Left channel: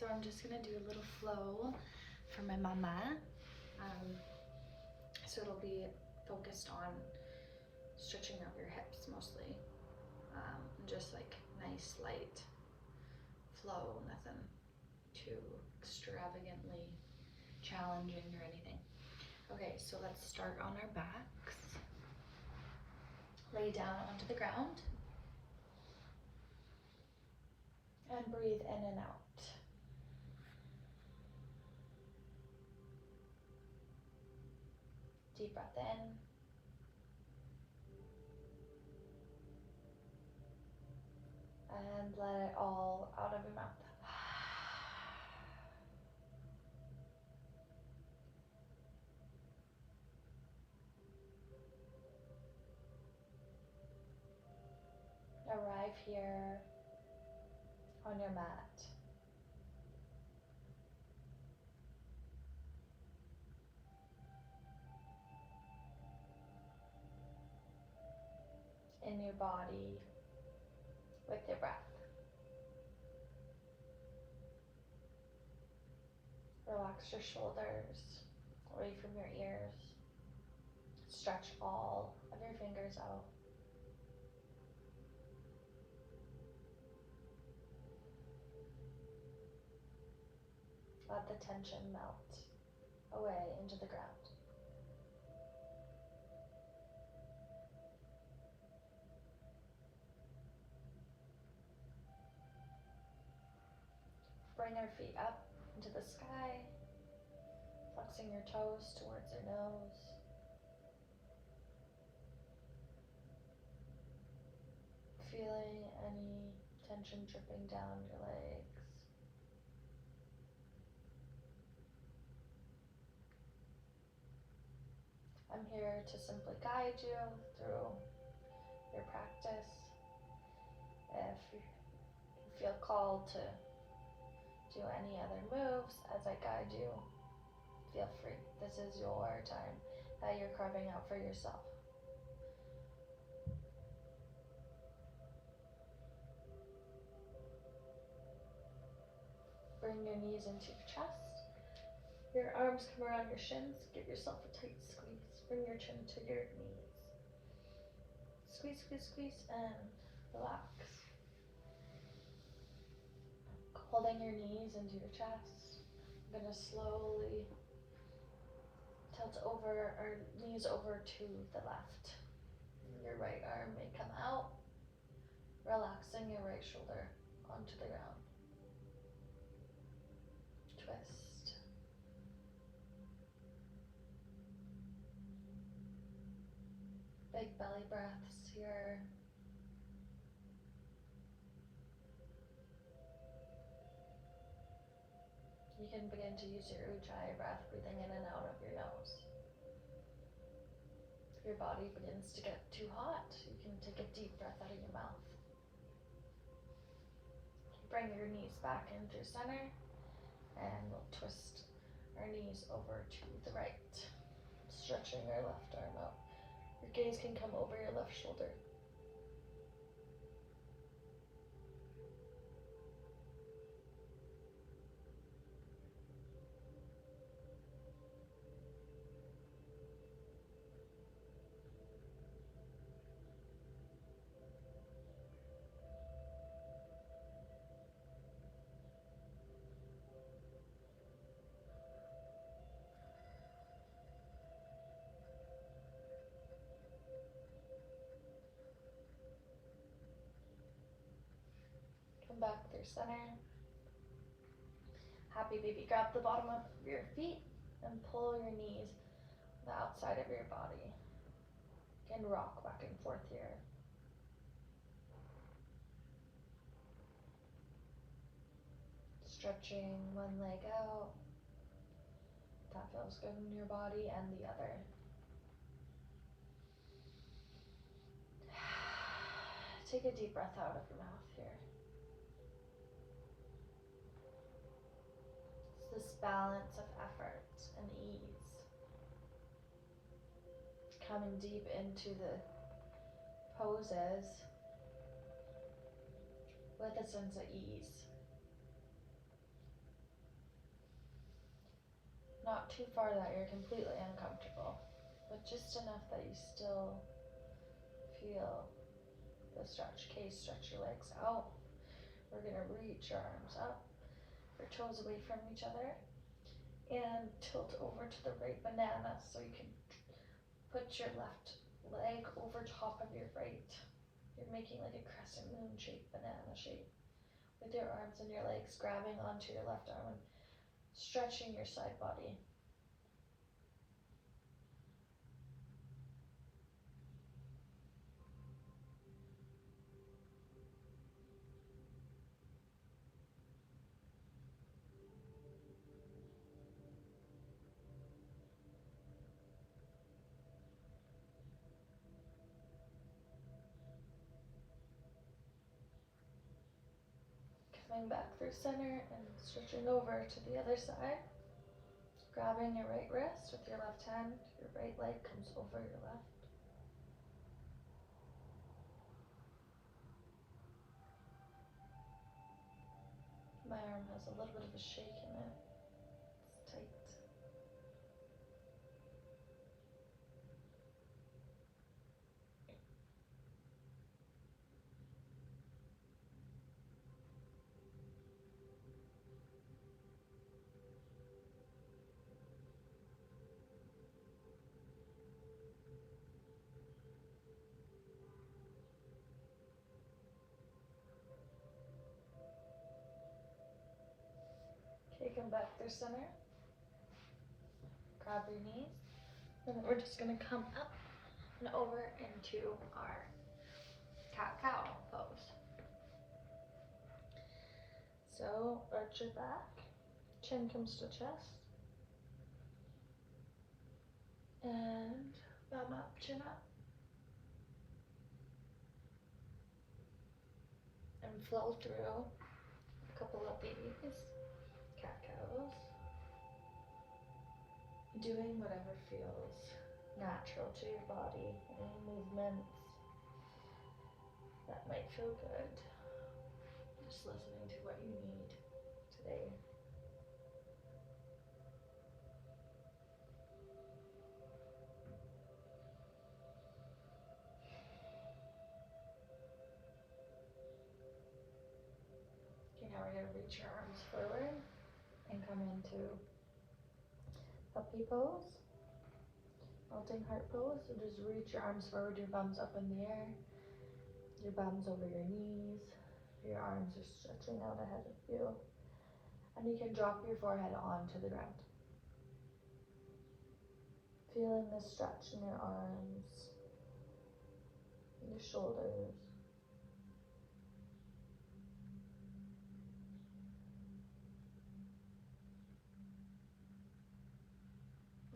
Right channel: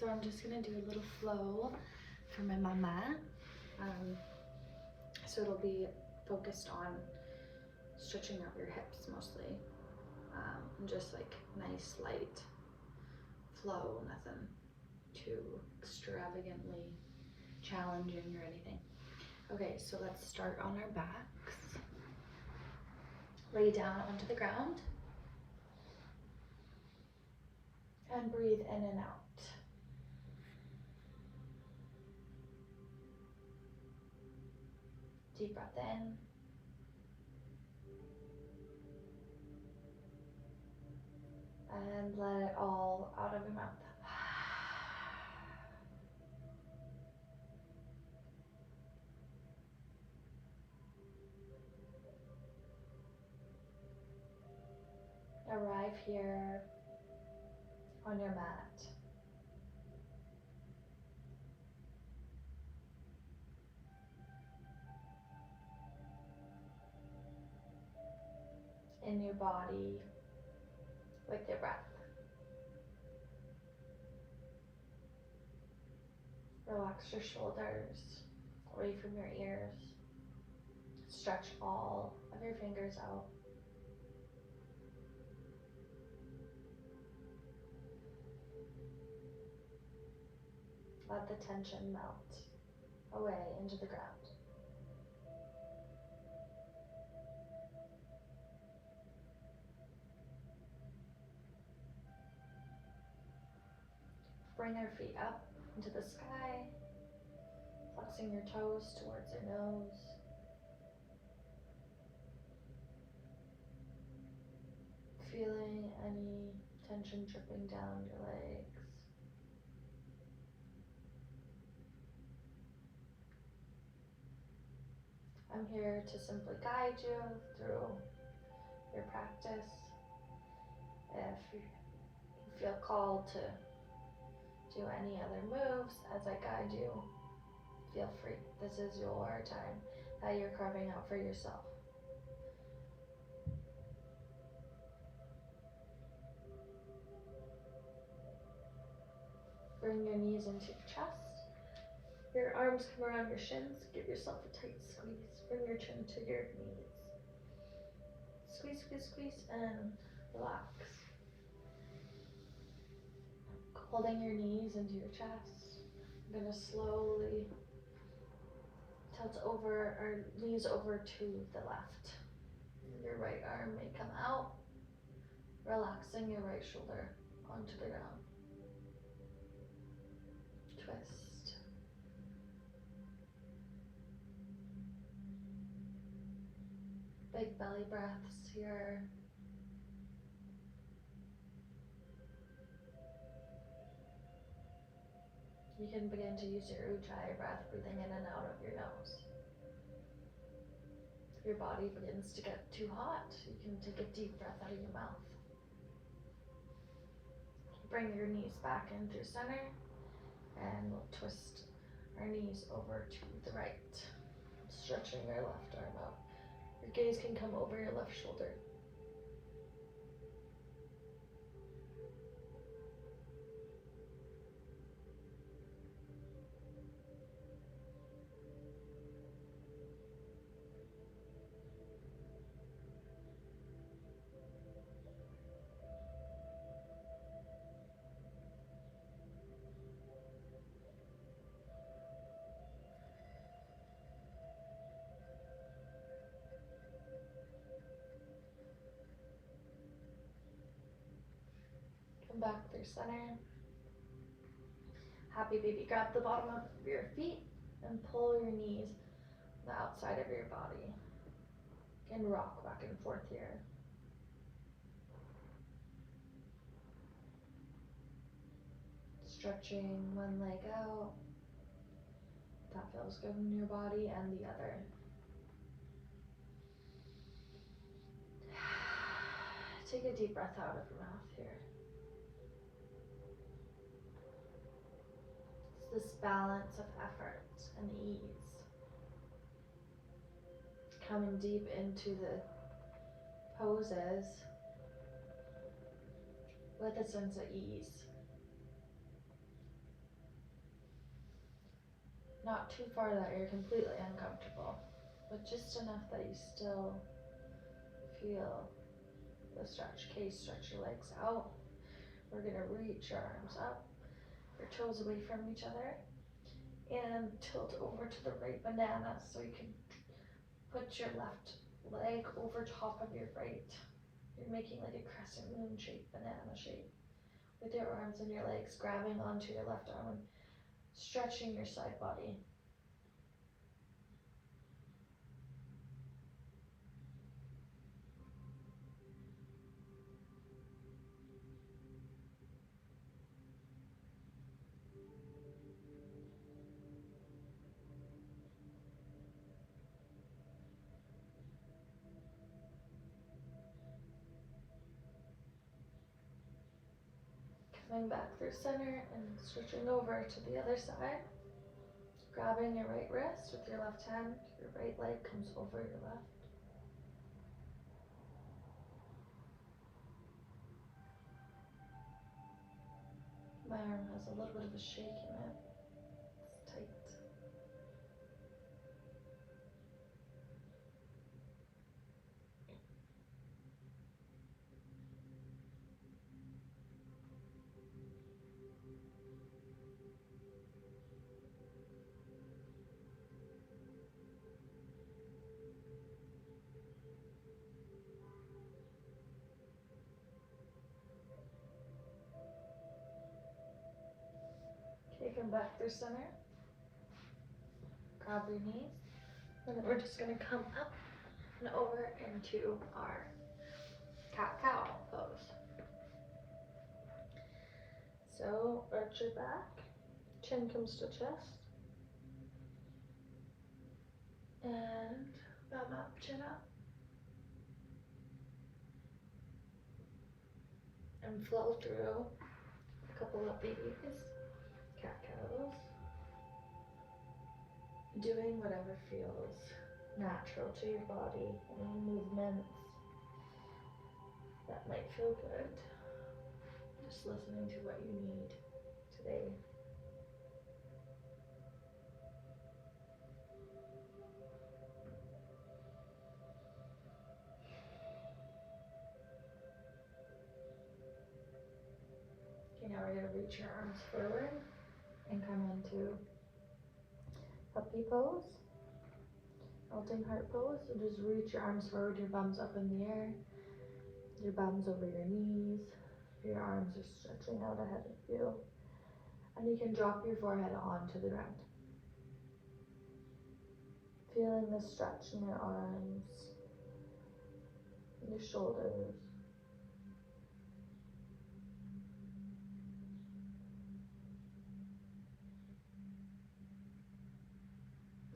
so I'm just gonna do a little flow for my mama. So it'll be focused on stretching out your hips mostly. And just like nice light flow, nothing too extravagantly challenging or anything. Okay, so let's start on our backs. Lay down onto the ground and breathe in and out. Deep breath in. And let it all out of your mouth. Arrive here on your mat. In your body with your breath. Relax your shoulders away from your ears. Stretch all of your fingers out. Let the tension melt away into the ground. Bring your feet up into the sky, flexing your toes towards your nose. Feeling any tension dripping down your legs. I'm here to simply guide you through your practice. If you feel called to do any other moves as I guide you, feel free. This is your time that you're carving out for yourself. Bring your knees into your chest. Your arms come around your shins. Give yourself a tight squeeze. Bring your chin to your knees. Squeeze, squeeze, squeeze, and relax. Holding your knees into your chest. I'm gonna slowly tilt over our knees over to the left. Your right arm may come out, relaxing your right shoulder onto the ground. Twist. Big belly breaths here. You can begin to use your Ujjayi breath, breathing in and out of your nose. If your body begins to get too hot, you can take a deep breath out of your mouth. Bring your knees back in through center, and we'll twist our knees over to the right, stretching your left arm out. Your gaze can come over your left shoulder. Come back through center. Happy baby, grab the bottom of your feet and pull your knees the outside of your body. And rock back and forth here. Stretching one leg out. That feels good in your body, and the other. Take a deep breath out of your mouth here. It's this balance of effort and ease. Coming deep into the poses with a sense of ease. Not too far that you're completely uncomfortable, but just enough that you still feel the stretch. Okay, stretch your legs out. We're gonna reach your arms up, your toes away from each other, and tilt over to the right banana so you can put your left leg over top of your right. You're making like a crescent moon shape, banana shape, with your arms and your legs grabbing onto your left arm and stretching your side body. Coming back through center and switching over to the other side. Grabbing your right wrist with your left hand, your right leg comes over your left. My arm has a little bit of a shake in it. It's tight. Okay, come back through center. Grab your knees. And then we're just gonna come up and over into our cat-cow pose. So arch your back, chin comes to chest, and thumb up, chin up. And flow through a couple of these cat-cows. Doing whatever feels natural to your body, any movements that might feel good. Just listening to what you need today. Okay, now we're gonna reach your arms forward and come into puppy pose. Melting heart pose. So just reach your arms forward, your bum's up in the air, your bum's over your knees, your arms are stretching out ahead of you, and you can drop your forehead onto the ground. Feeling the stretch in your arms, your shoulders.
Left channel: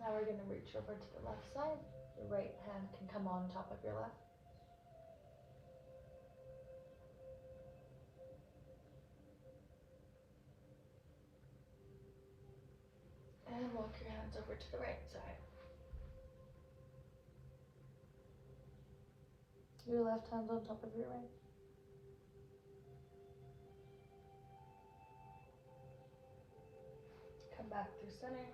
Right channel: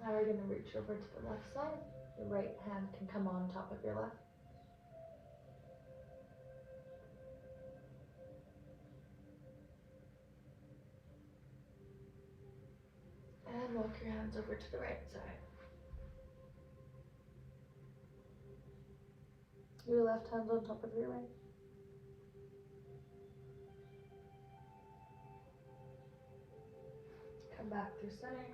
Now we're going to reach over to the left side. Your right hand can come on top of your left. And walk your hands over to the right side. Your left hand on top of your right. Come back through center.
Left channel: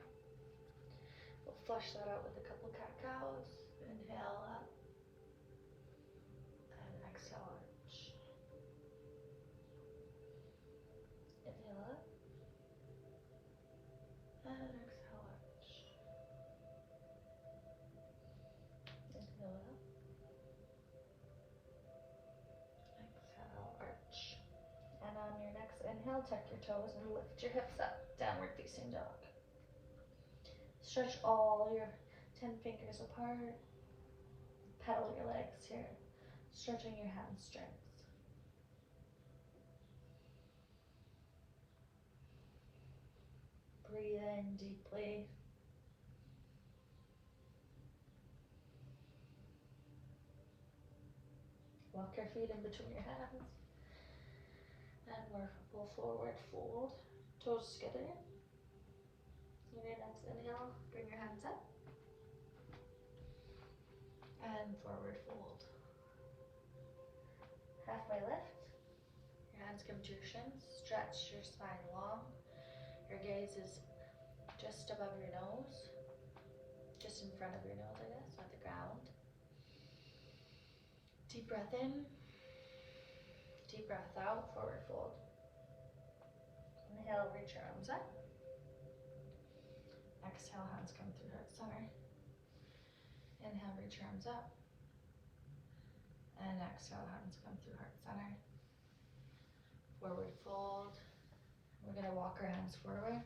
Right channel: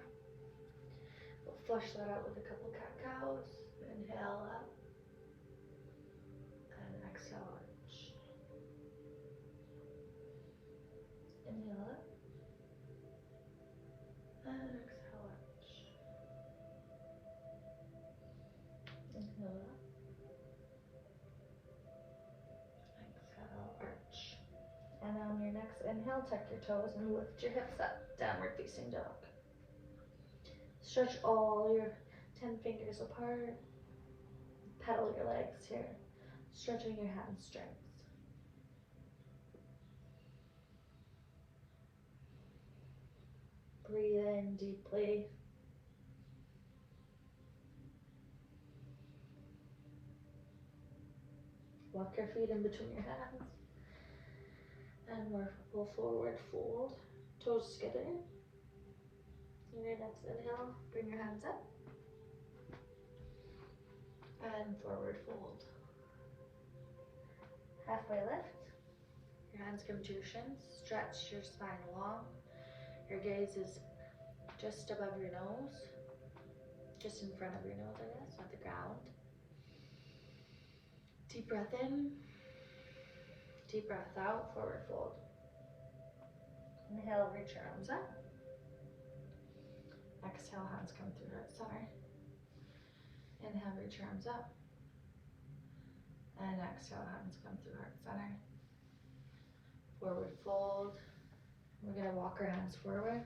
We'll flush that out with a couple cat-cows. Inhale up. And exhale arch. Inhale up. And exhale arch. Inhale up. Exhale arch. And on your next inhale, tuck your toes and lift your hips up. Downward facing dog. Stretch all your 10 fingers apart. Pedal your legs here. Stretching your hamstrings. Breathe in deeply. Walk your feet in between your hands. And we'll forward fold. Toes together. On your next inhale, bring your hands up. And forward fold. Halfway lift. Your hands come to your shins. Stretch your spine long. Your gaze is just above your nose, just in front of your nose, I guess, not the ground. Deep breath in, deep breath out, forward fold. Inhale, reach your arms up. Exhale, hands come through heart center. Inhale, reach your arms up. And exhale, hands come through heart center. Forward fold. We're gonna walk our hands forward.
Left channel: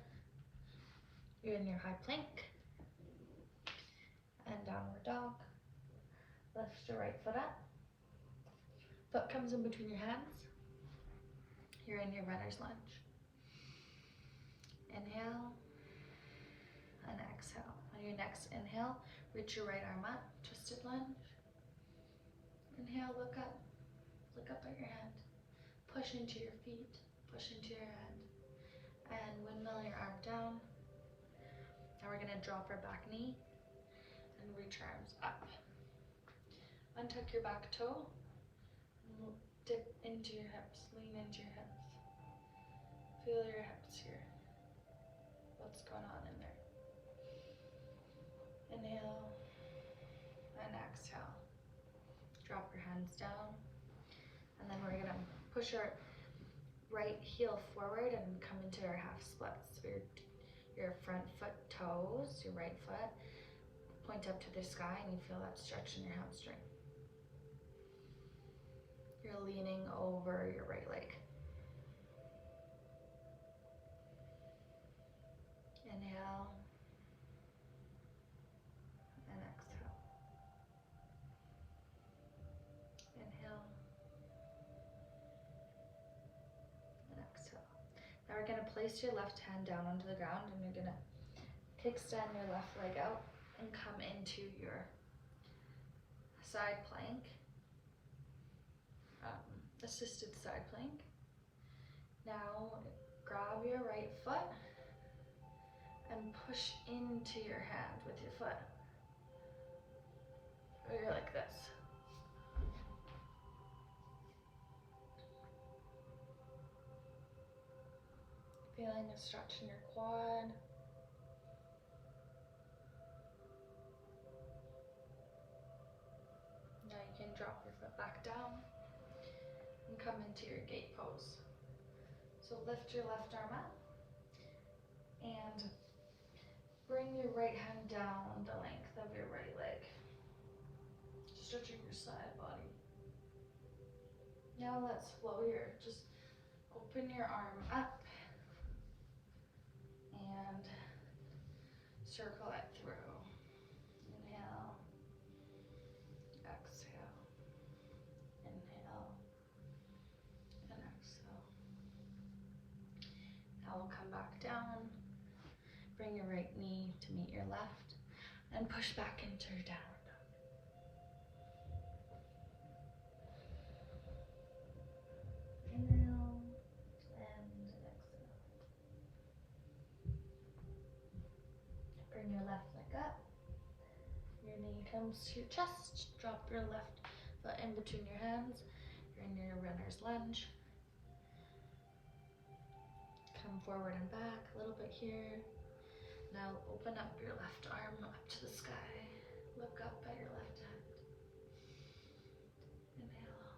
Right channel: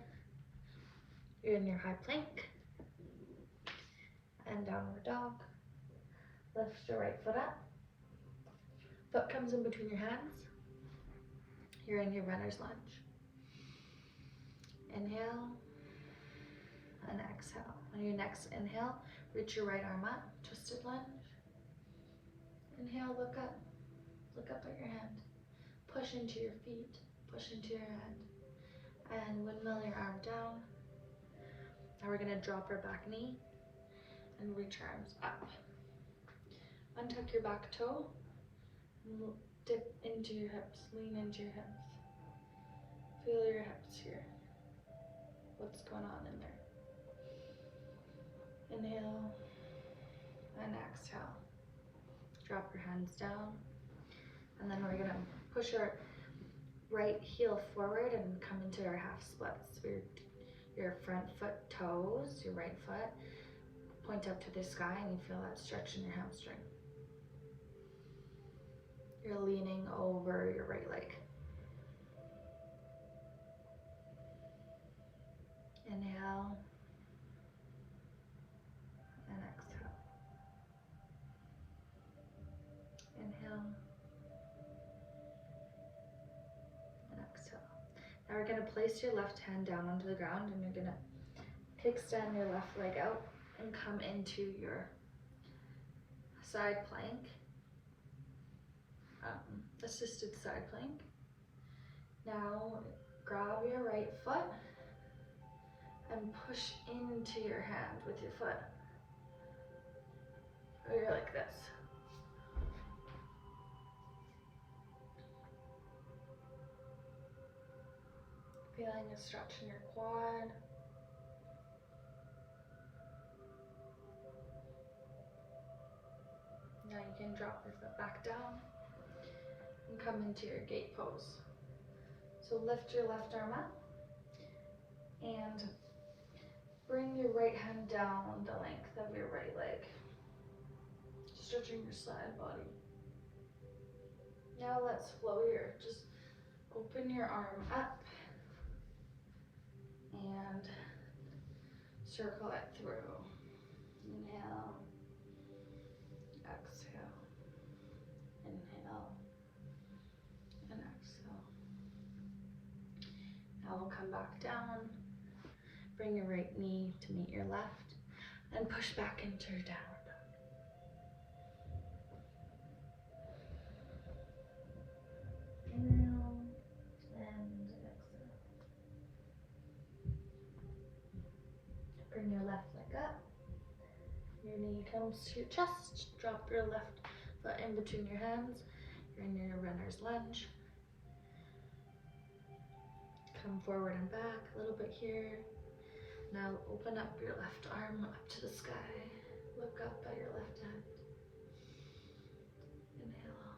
You're in your high plank. And downward dog. Lift your right foot up. Foot comes in between your hands. You're in your runner's lunge. Inhale and exhale. On your next inhale, reach your right arm up, twisted lunge. Inhale, look up at your hand. Push into your feet, push into your hand. And windmill your arm down. Now we're gonna drop our back knee and reach your arms up. Untuck your back toe and dip into your hips, lean into your hips. Feel your hips here. What's going on in there? Inhale and exhale. Drop your hands down. And then we're gonna push our right heel forward and come into our half splits. So your front foot toes, your right foot, point up to the sky and you feel that stretch in your hamstring. You're leaning over your right leg. Inhale and exhale. Inhale and exhale. Now we're going to place your left hand down onto the ground and you're going to kickstand your left leg out and come into your side plank, assisted side plank. Now grab your right foot and push into your hand with your foot. Or you're like this. Feeling a stretch in your quad. Now you can drop your foot back down and come into your gate pose. So lift your left arm up and bring your right hand down the length of your right leg, stretching your side body. Now let's flow here. Just open your arm up and circle it through. Inhale, exhale, inhale, and exhale. Now we'll come back down. Bring your right knee to meet your left and push back into your downward dog. Inhale and exhale. Bring your left leg up. Your knee comes to your chest. Drop your left foot in between your hands. You're in your runner's lunge. Come forward and back a little bit here. Now open up your left arm up to the sky. Look up at your left hand. Inhale.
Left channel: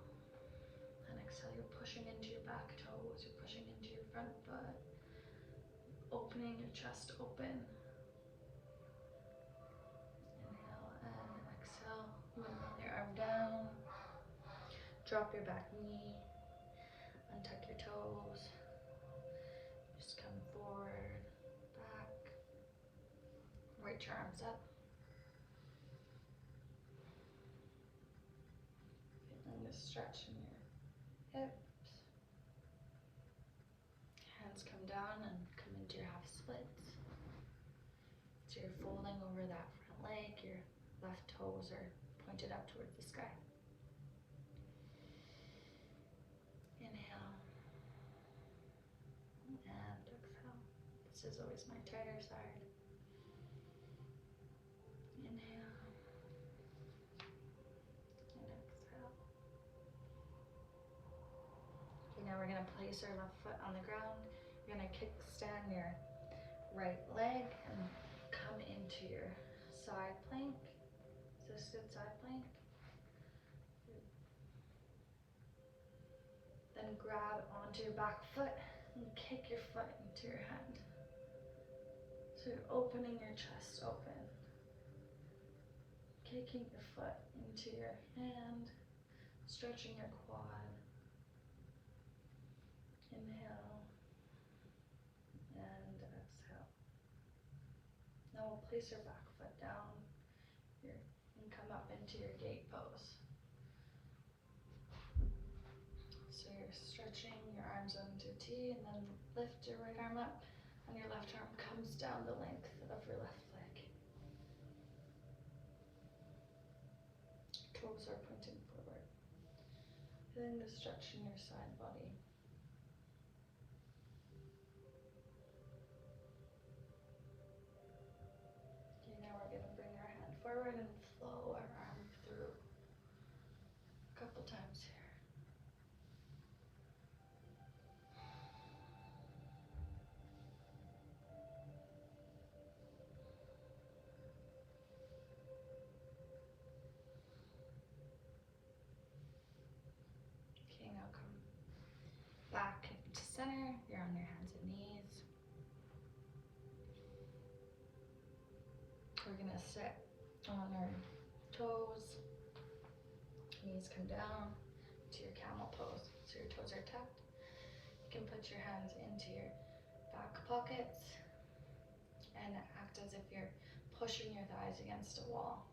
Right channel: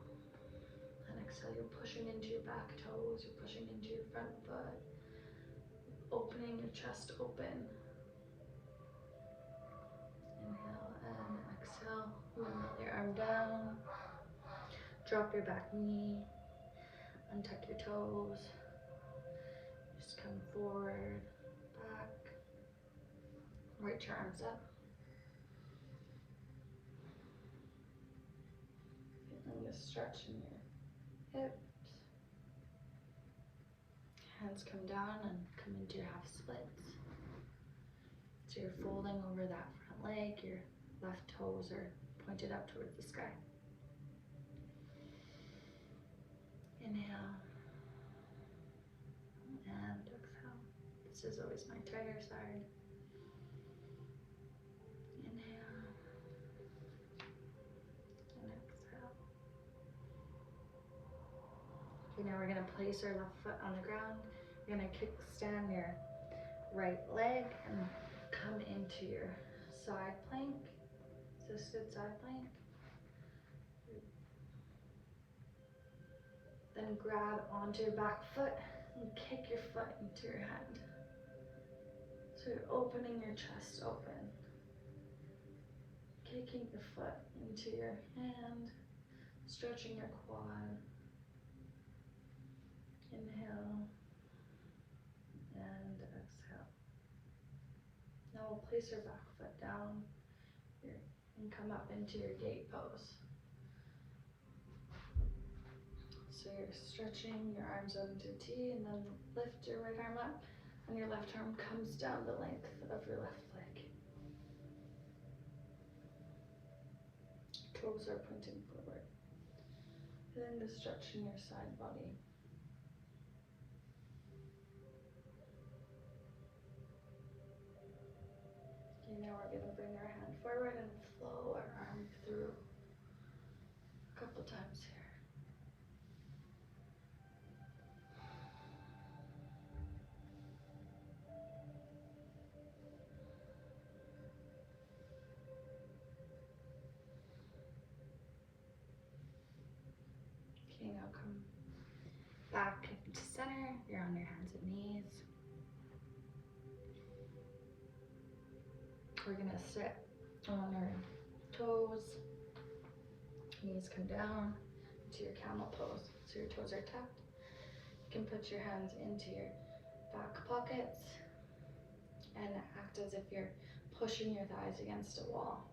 And exhale, you're pushing into your back toes. You're pushing into your front foot. Opening your chest open. Inhale and exhale. Windmill your arm down. Drop your back knee. Untuck your toes. Just come forward. Reach your arms up. Feeling the stretch in your hips. Hands come down and come into your half splits. So you're folding over that front leg. Your left toes are pointed up towards the sky. Inhale. And exhale. This is always my tighter side. Okay, now we're gonna place our left foot on the ground. You're gonna kickstand your right leg and come into your side plank, assisted side plank. Then grab onto your back foot and kick your foot into your hand. So you're opening your chest open. Kicking your foot into your hand, stretching your quad. Inhale and exhale. Now we'll place your back foot down here and come up into your gate pose. So you're stretching your arms out into a T and then lift your right arm up and your left arm comes down the length of your left leg. Toes are pointing forward. And then the stretch in your side body. Okay, now we're going to bring our hand forward and flow our arm through a couple times here. Okay, now come back into center. You're on your hands and knees. We're gonna sit on our toes. Knees come down to your camel pose. So your toes are tucked. You can put your hands into your back pockets and act as if you're pushing your thighs against a wall.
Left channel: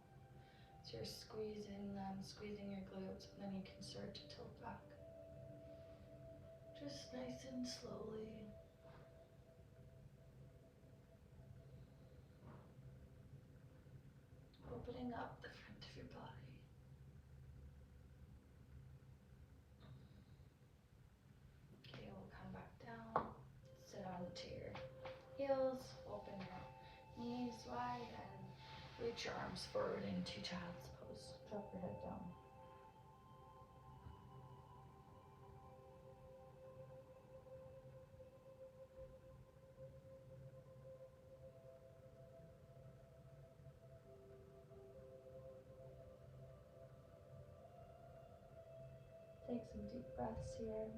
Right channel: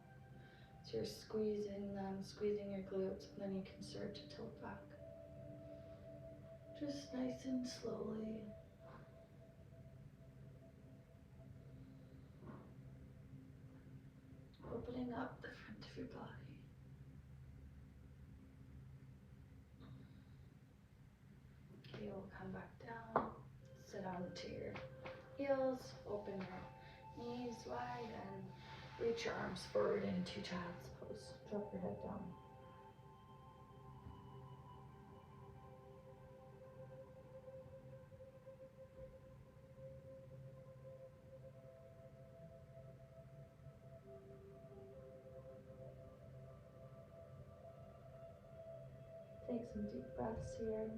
So you're squeezing them, squeezing your glutes, and then you can start to tilt back. Just nice and slowly. Opening up the front of your body. Okay, we'll come back down, sit onto your heels, open your knees wide, and reach your arms forward into child's pose. Drop your head down. Take some deep breaths here.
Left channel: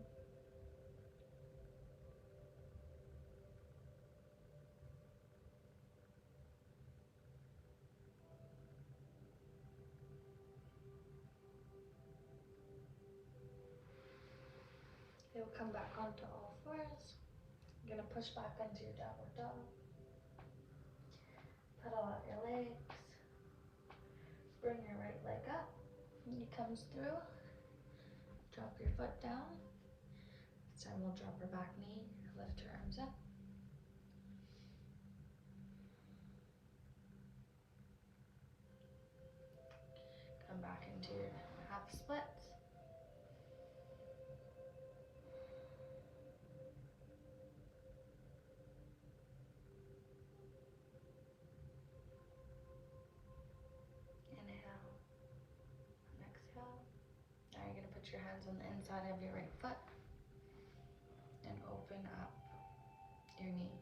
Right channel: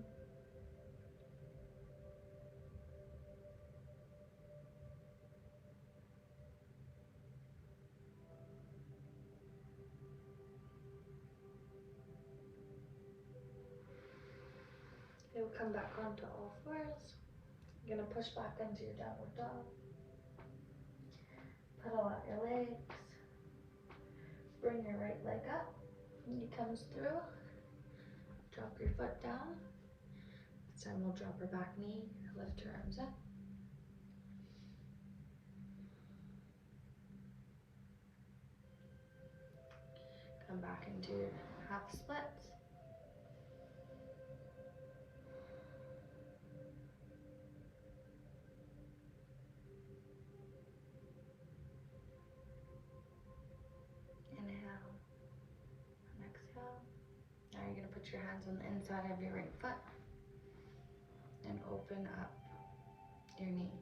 You'll come back onto all fours. You're gonna push back into your downward dog. Pedal out your legs. Bring your right leg up. Knee comes through. Drop your foot down. This time we'll drop our back knee. Lift your arms in. Come back into your half splits. Inhale and exhale. Now you're going to put your hands on the inside of your right foot and open up your knee.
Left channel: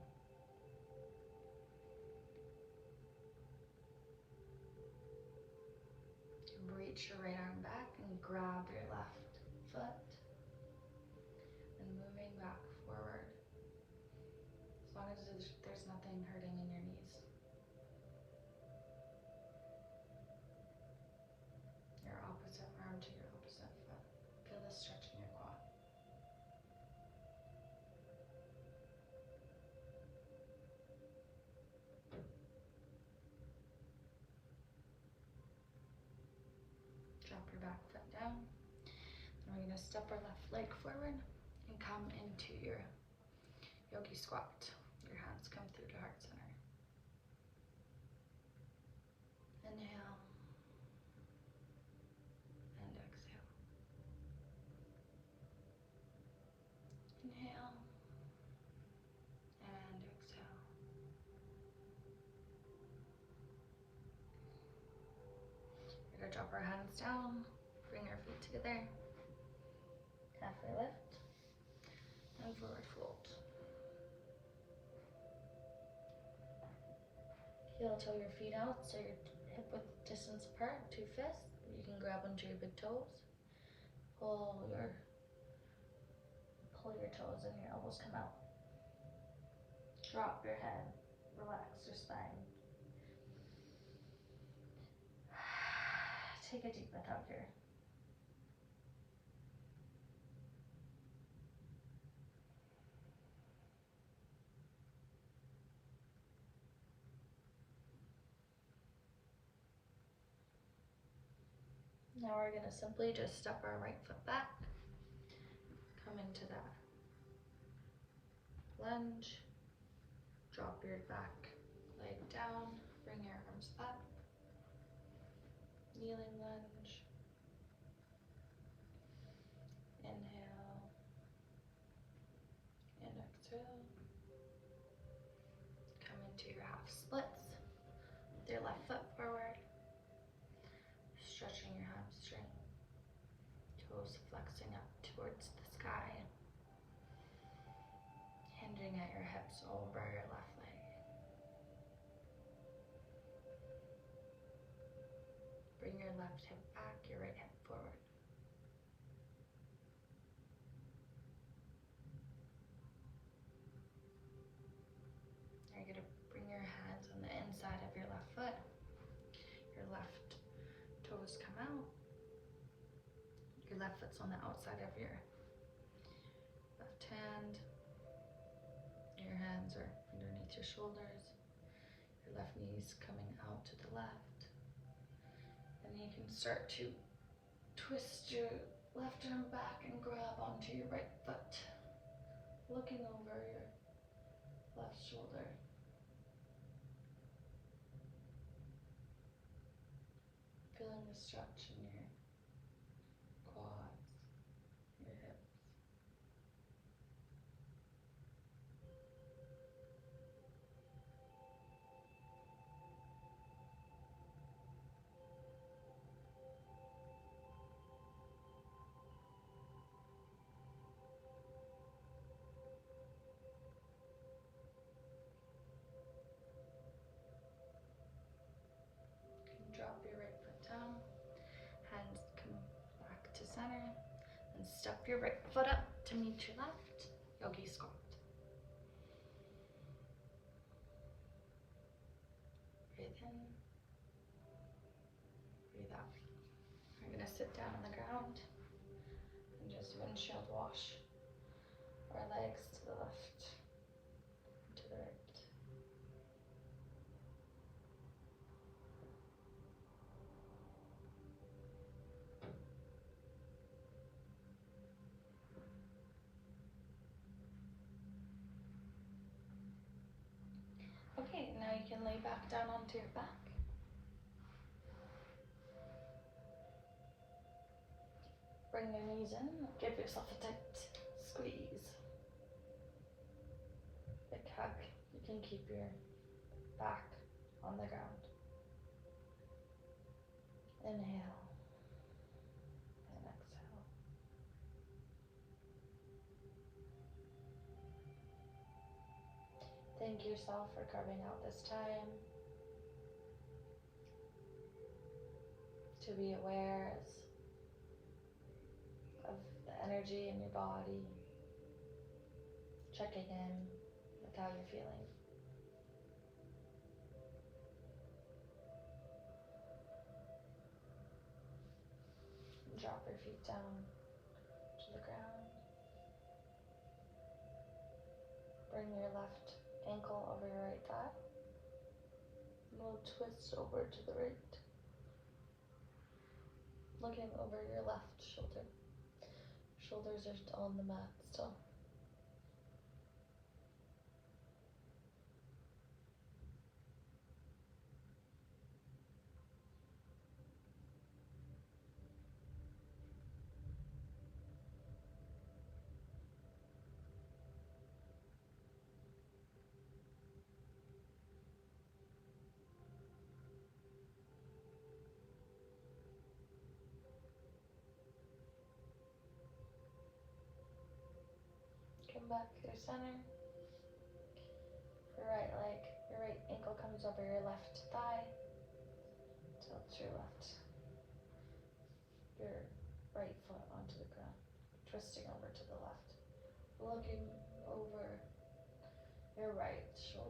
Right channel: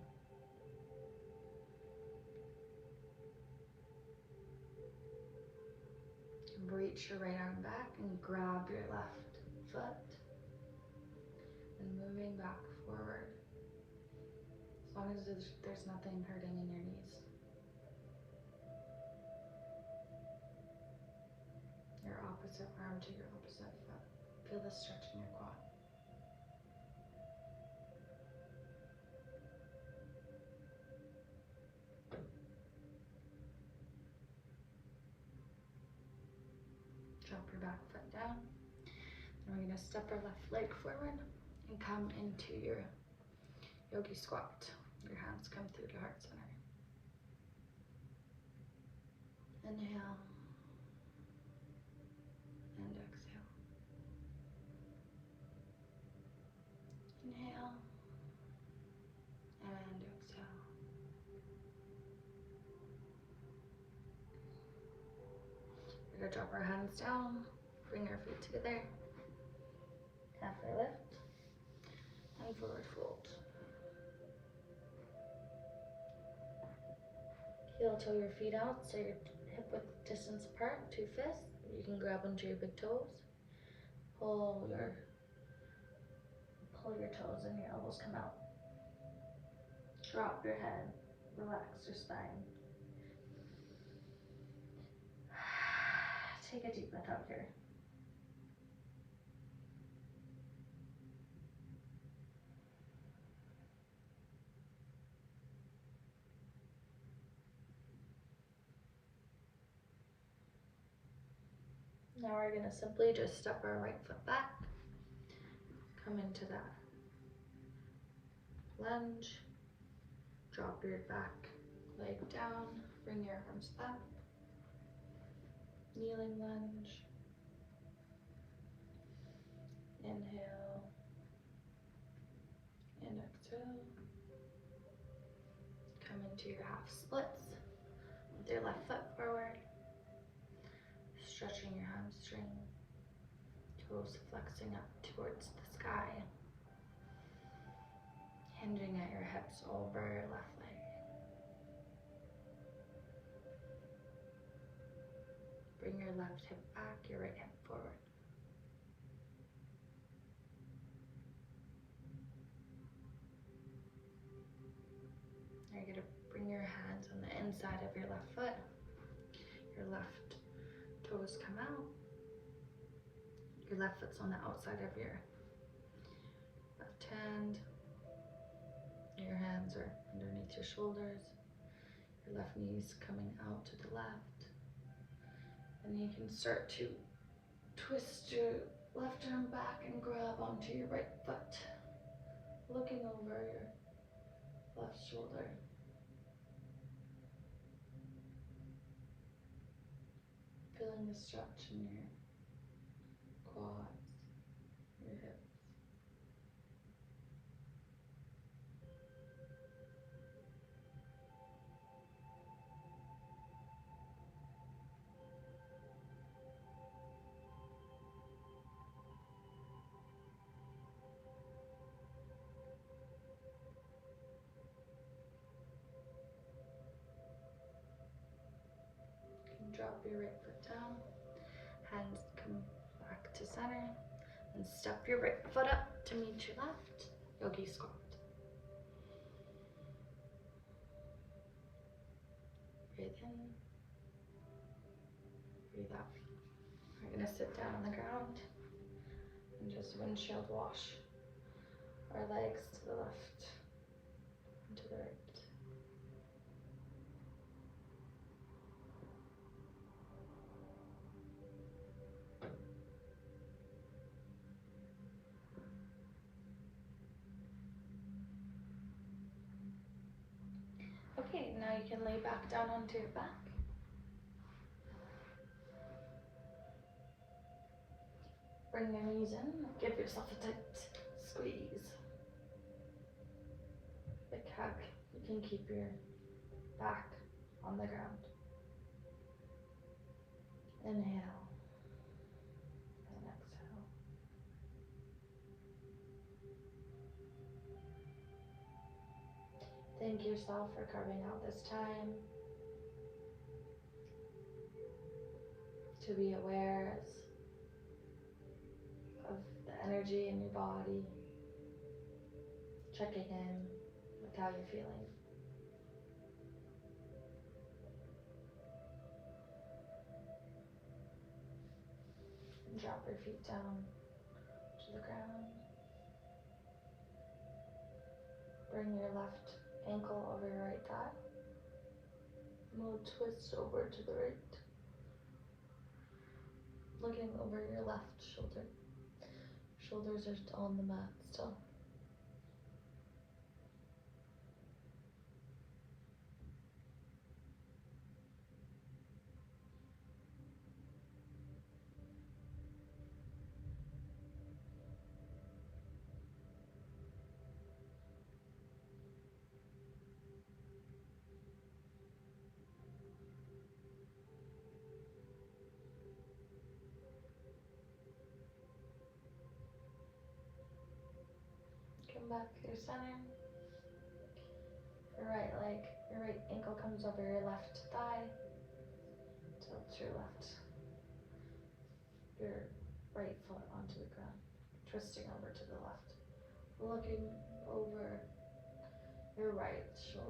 Reach your right arm back and grab your left foot and moving back forward as long as there's nothing hurting in your knees. Your opposite arm to your opposite foot. Feel the stretch in your quad. Drop your back foot down. And we're going to step our left leg forward and come into your yogi squat. Your hands come through to heart center. Inhale and exhale. Inhale and exhale. We're going to drop our hands down, bring our feet together, halfway lift, and forward fold. Heel toe your feet out so you're hip width distance apart, 2 fists. You can grab onto your big toes. Pull your toes and your elbows come out. Drop your head, relax your spine. Take a deep breath out here. Now we're going to simply just step our right foot back, come into that lunge, drop your back leg down, bring your arms up, kneeling lunge, inhale and exhale, come into your half splits with your left foot forward, stretching your hamstring, toes flexing up towards the sky, hinging at your hips over your left leg. Bring your left hip back, your right hip forward. Now you're going to bring your hands on the inside of your left foot. Your left toes come out. Your left foot's on the outside of your left hand. Your hands are underneath your shoulders. Your left knee's coming out to the left. And you can start to twist your left arm back and grab onto your right foot, looking over your left shoulder. Feeling the stretch in your quads, your hips. You can drop your right foot down, hands come back to center, and step your right foot up to meet your left, yogi squat. Breathe in, breathe out. We're gonna sit down on the ground and just windshield wash our legs to the left and to the right. Okay, now you can lay back down onto your back. Bring your knees in, give yourself a tight squeeze. Big hug. You can keep your back on the ground. Inhale and exhale. Thank yourself for carving out this time to be aware of the energy in your body, checking in with how you're feeling. Drop your feet down to the ground. Bring your left ankle over your right thigh. And we'll twist over to the right. Looking over your left shoulder. Shoulders are still on the mat still. Come back to your center. Right leg Your right ankle comes over your left thigh. Tilt your right foot onto the ground, twisting over to the left, looking over your right shoulder.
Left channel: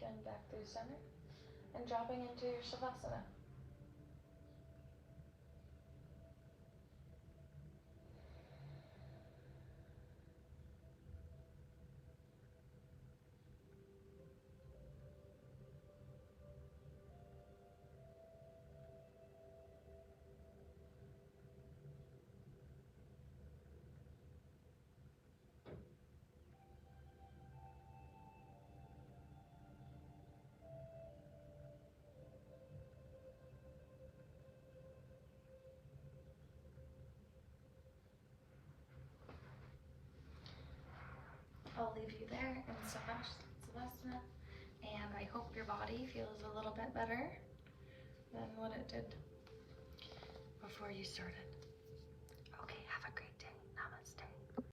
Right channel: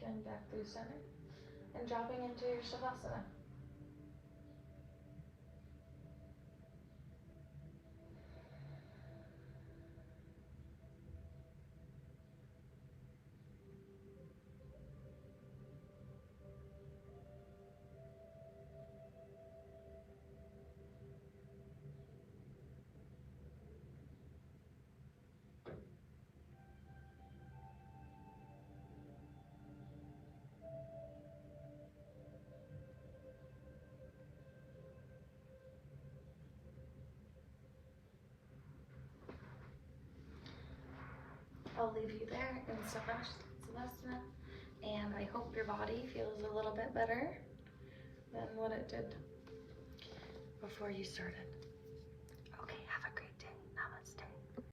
Coming back through center and dropping into your Shavasana. I'll leave you there in Savasana, and I hope your body feels a little bit better than what it did before you started.